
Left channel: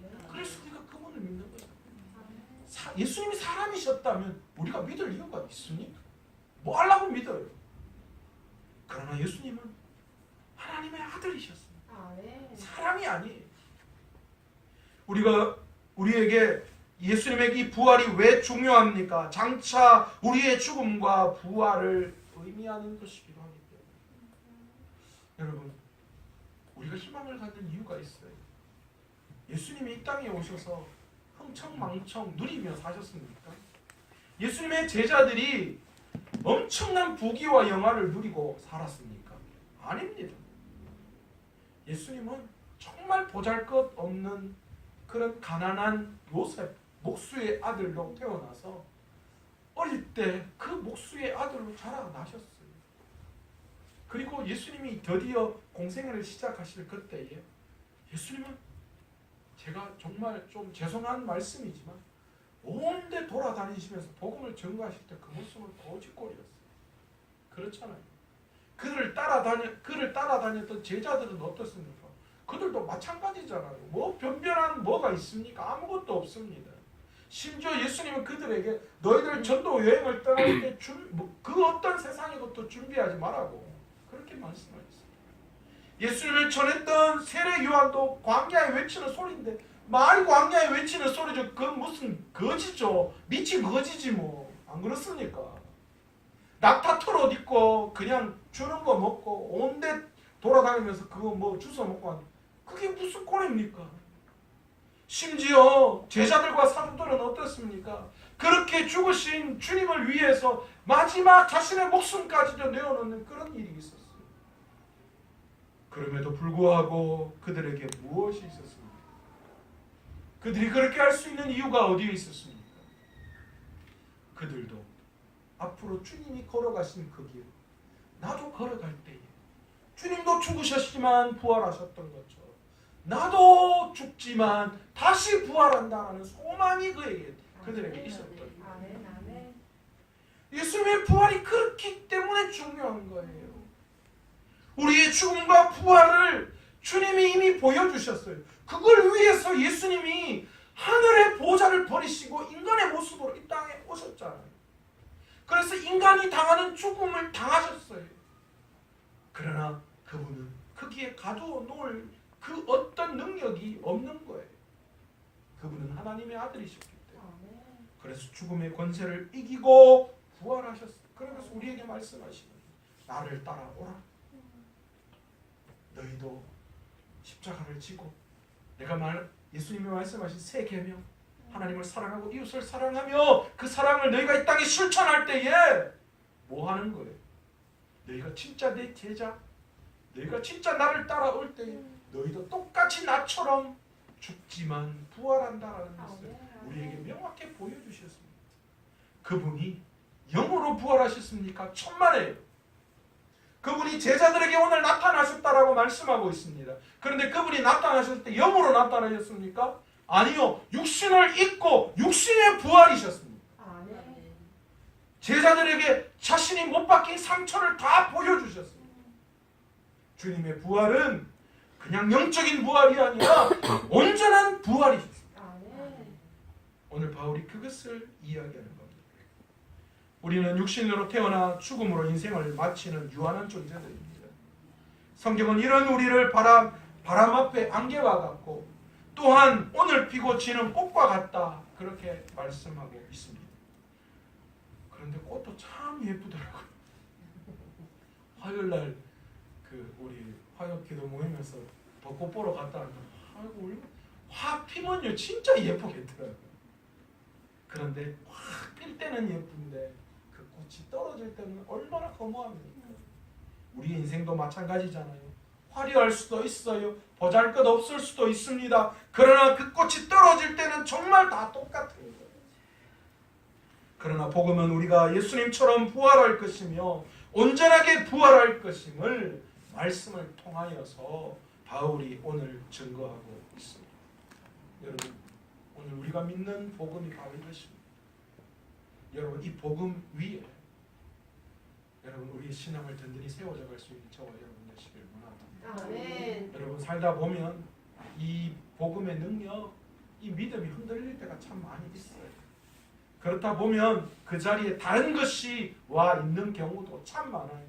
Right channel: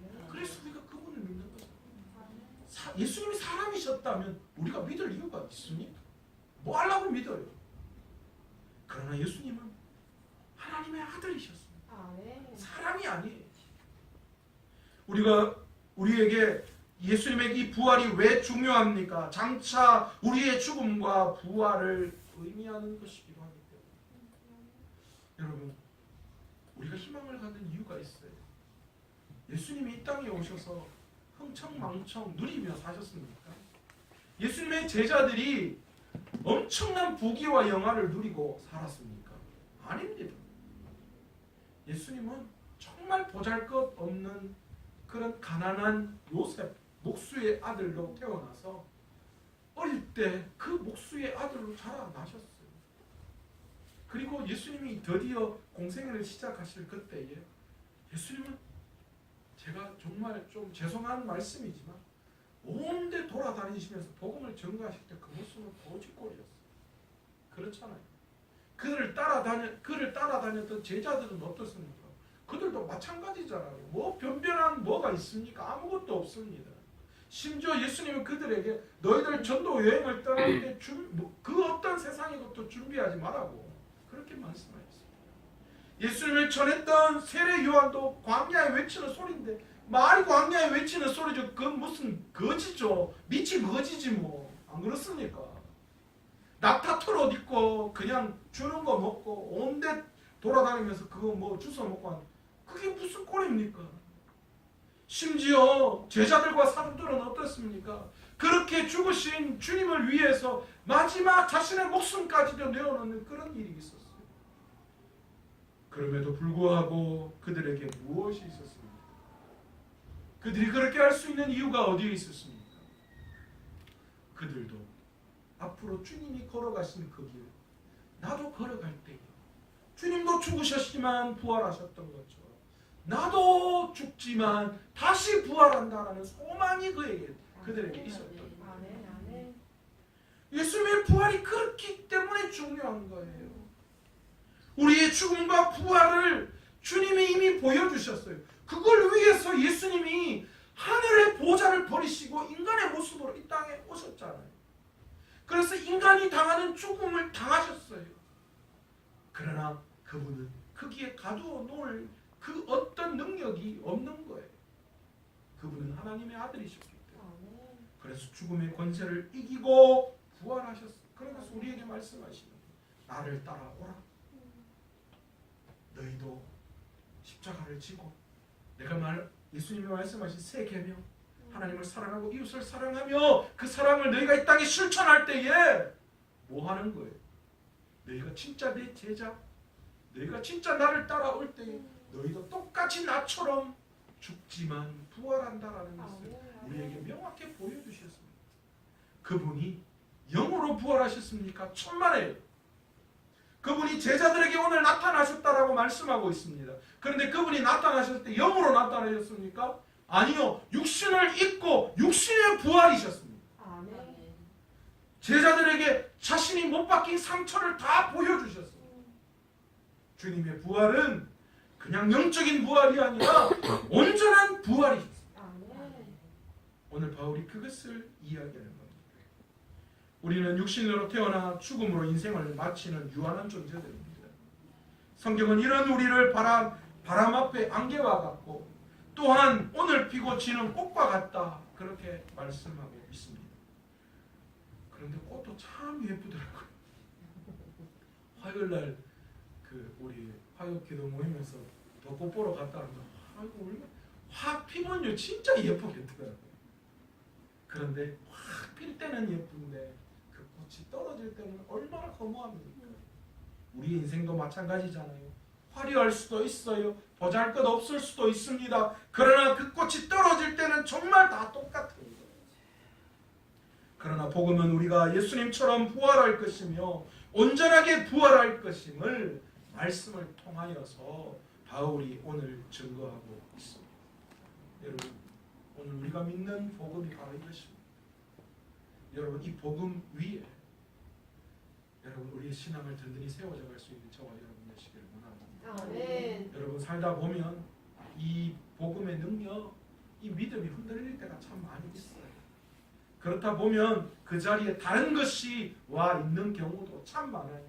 거예요. 그래서 우리가 그분을 믿는 거예요. 예수님이 사람이셨다면 우리가 믿을 이유가 있습니까? 뭐 하려고 믿어요? 그러나 예수님은 하나님의 아들이셨습니다. 사람이 아니에요. 우리에게 예수님의 이 부활이 왜 중요합니까? 장차 우리의 죽음과 부활을 의미하는 것이기도 하기 때문에, 여러분, 우리가 희망을 갖는 이유가 있어요. 예수님이 이 땅에 오셔서 흥청망청 누리며 사셨습니까? 예수님의 제자들이 엄청난 부귀와 영화를 누리고 살았습니까? 아닙니다. 예수님은 정말 보잘것없는 그런 가난한 요셉 목수의 아들로 태어나서 어릴 때 그 목수의 아들로 자라나셨어요. 그리고 예수님이 드디어 공생애를 시작하실 그때에 예수님은, 제가 정말 좀 죄송한 말씀이지만, 온데 돌아다니시면서 복음을 전가하실 때 그 모습은 거짓골이었어요. 그렇잖아요. 그를 따라다녔던 제자들은 어떻습니까? 그들도 마찬가지잖아요. 뭐 변변한 뭐가 있습니까? 아무것도 없습니다. 심지어 예수님은 그들에게 너희들 전도 여행을 떠날 때 그 어떤 세상의 것도 준비하지 말라고 그렇게 말씀하셨습니다. 예수님을 전했던 세례 요한도 광야에 외치는 소리인데, 말이 광야에 외치는 소리죠. 그건 무슨 거지죠. 미친 거지지 뭐. 안 그렇습니까? 낙타 털옷 입고 그냥 주는 거 먹고 온데 돌아다니면서 그거 뭐 주워 먹고 하는, 그게 무슨 꼴입니까? 심지어 제자들과 사도들은 어떻습니까? 그렇게 죽으신 주님을 위해서 마지막 자신의 목숨까지도 내어놓는 그런 일이 있었어요. 그럼에도 불구하고 그들에게 무엇이 있었습니까? 그들이 그렇게 할 수 있는 이유가 어디에 있었습니까? 그들도 앞으로 주님이 걸어가신 그 길, 나도 걸어갈 때에 주님도 죽으셨지만 부활하셨던 것처럼 나도 죽지만 다시 부활한다라는 소망이 그들에게 있었던 거예요. 예수님의 부활이 그렇기 때문에 중요한 거예요. 우리의 죽음과 부활을 주님이 이미 보여주셨어요. 그걸 위해서 예수님이 하늘의 보좌를 버리시고 인간의 모습으로 이 땅에 오셨잖아요. 그래서 인간이 당하는 죽음을 당하셨어요. 그러나 그분은 거기에 가두어 놓을 그 어떤 능력이 없는 거예요. 그분은 하나님의 아들이셨기 때문에. 그래서 죽음의 권세를 이기고 부활하셨어요. 그러면서 우리에게 말씀하시는 나를 따라오라. 너희도 십자가를 지고 예수님이 말씀하신 새 계명, 하나님을 사랑하고 이웃을 사랑하며 그 사랑을 너희가 이 땅에 실천할 때에 뭐 하는 거예요? 너희가 진짜 내 제자, 너희가 진짜 나를 따라올 때에 너희도 똑같이 나처럼 죽지만 부활한다라는 것을 우리에게 명확히 보여주셨습니다. 그분이 영으로 부활하셨습니까? 천만에요. 그분이 제자들에게 오늘 나타나셨다라고 말씀하고 있습니다. 그런데 그분이 나타나셨을 때 영으로 나타나셨습니까? 아니요. 육신을 입고 육신의 부활이셨습니다. 제자들에게 자신이 못 박힌 상처를 다 보여주셨습니다. 주님의 부활은 그냥 영적인 부활이 아니라 온전한 부활이십니다. 오늘 바울이 그것을 이야기하는 겁니다. 우리는 육신으로 태어나 죽음으로 인생을 마치는 유한한 존재들입니다. 성경은 이런 우리를 바람 앞에 안개와 같고 또한 오늘 피고 지는 꽃과 같다 그렇게 말씀하고 있습니다. 그런데 꽃도 참 예쁘더라고요. 화요일날 우리 화요 기도 모임에서 벚꽃 보러 갔다 왔는데 아이고 확 피면요 진짜 예쁘겠더라고요. 그런데 확 필 때는 예쁜데 그 꽃이 떨어질 때는 얼마나 허무합니까? 우리 인생도 마찬가지잖아요. 화려할 수도 있어요. 보잘것없을 수도 있습니다. 그러나 그 꽃이 떨어질 때는 정말 다 똑같은 거예요. 그러나 복음은 우리가 예수님처럼 부활할 것이며 온전하게 부활할 것임을 말씀을 통하여서 바울이 오늘 증거하고 있습니다. 여러분, 오늘 우리가 믿는 복음이 바로 이것입니다. 여러분, 이 복음 위에 여러분 우리의 신앙을 든든히 세워져 갈 수 있는 저와 여러분 되시길 원합니다. 아멘. 여러분 살다 보면 이 복음의 능력, 이 믿음이 흔들릴 때가 참 많이 있어요. 그렇다 보면 그 자리에 다른 것이 와 있는 경우도 참 많아요.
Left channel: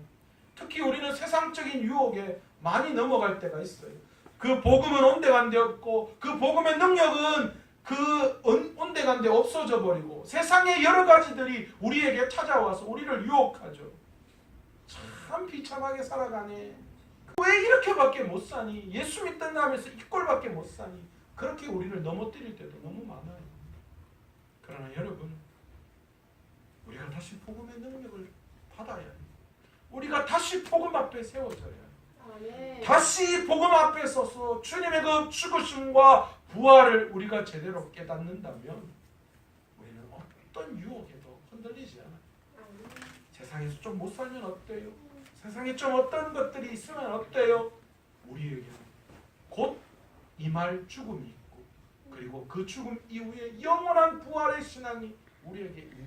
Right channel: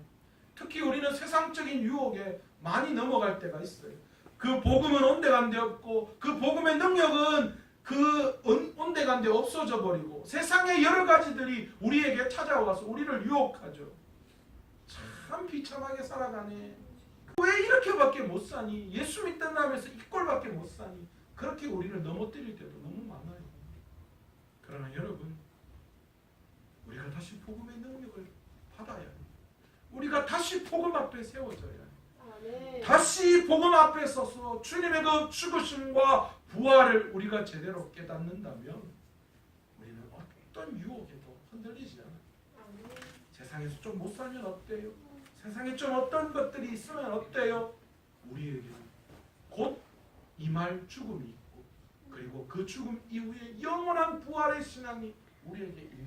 특히 우리는 세상적인 유혹에 많이 넘어갈 때가 있어요. 그 복음은 온데간데 없고 그 복음의 능력은 그 온데간데 없어져 버리고 세상의 여러 가지들이 우리에게 찾아와서 우리를 유혹하죠. 참 비참하게 살아가네. 왜 이렇게밖에 못 사니? 예수 믿는다면서 이 꼴밖에 못 사니? 그렇게 우리를 넘어뜨릴 때도 너무 많아요. 그러나 여러분, 우리가 다시 복음의 능력을 받아야 해요. 우리가 다시 복음 앞에 세워져야 해요. 다시 복음 앞에 서서 주님의 그 죽으심과 부활을 우리가 제대로 깨닫는다면 우리는 어떤 유혹에도 흔들리지 않아요. 세상에서 좀 못 살면 어때요? 세상에 좀 어떤 것들이 있으면 어때요? 우리에게는 곧 임할 죽음이 있고 그리고 그 죽음 이후에 영원한 부활의 신앙이 우리에게 있는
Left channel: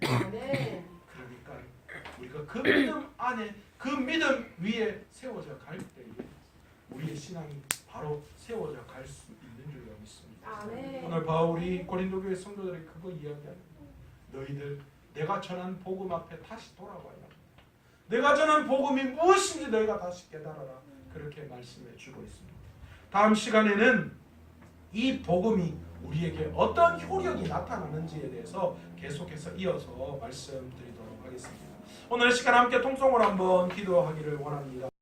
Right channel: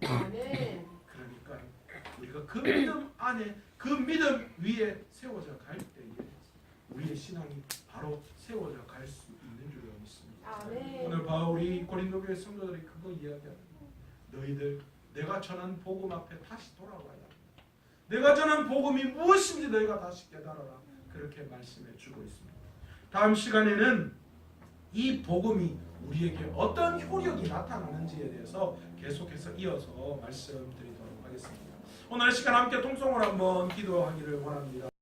거예요. 그러니까 우리가 그 믿음 안에 그 믿음 위에 세워져 갈 때에 우리의 신앙이 바로 세워져 갈 수 있는 줄로 믿습니다. 오늘 바울이 고린도 교회 성도들에게 그거 이야기합니다. 너희들 내가 전한 복음 앞에 다시 돌아와야 한다. 내가 전한 복음이 무엇인지 너희가 다시 깨달아라. 그렇게 말씀해 주고 있습니다. 다음 시간에는 이 복음이 우리에게 어떤 효력이 나타나는지에 대해서 계속해서 이어서 말씀드리도록 하겠습니다. 오늘 시간 함께 통성으로 한번 기도하기를 원합니다.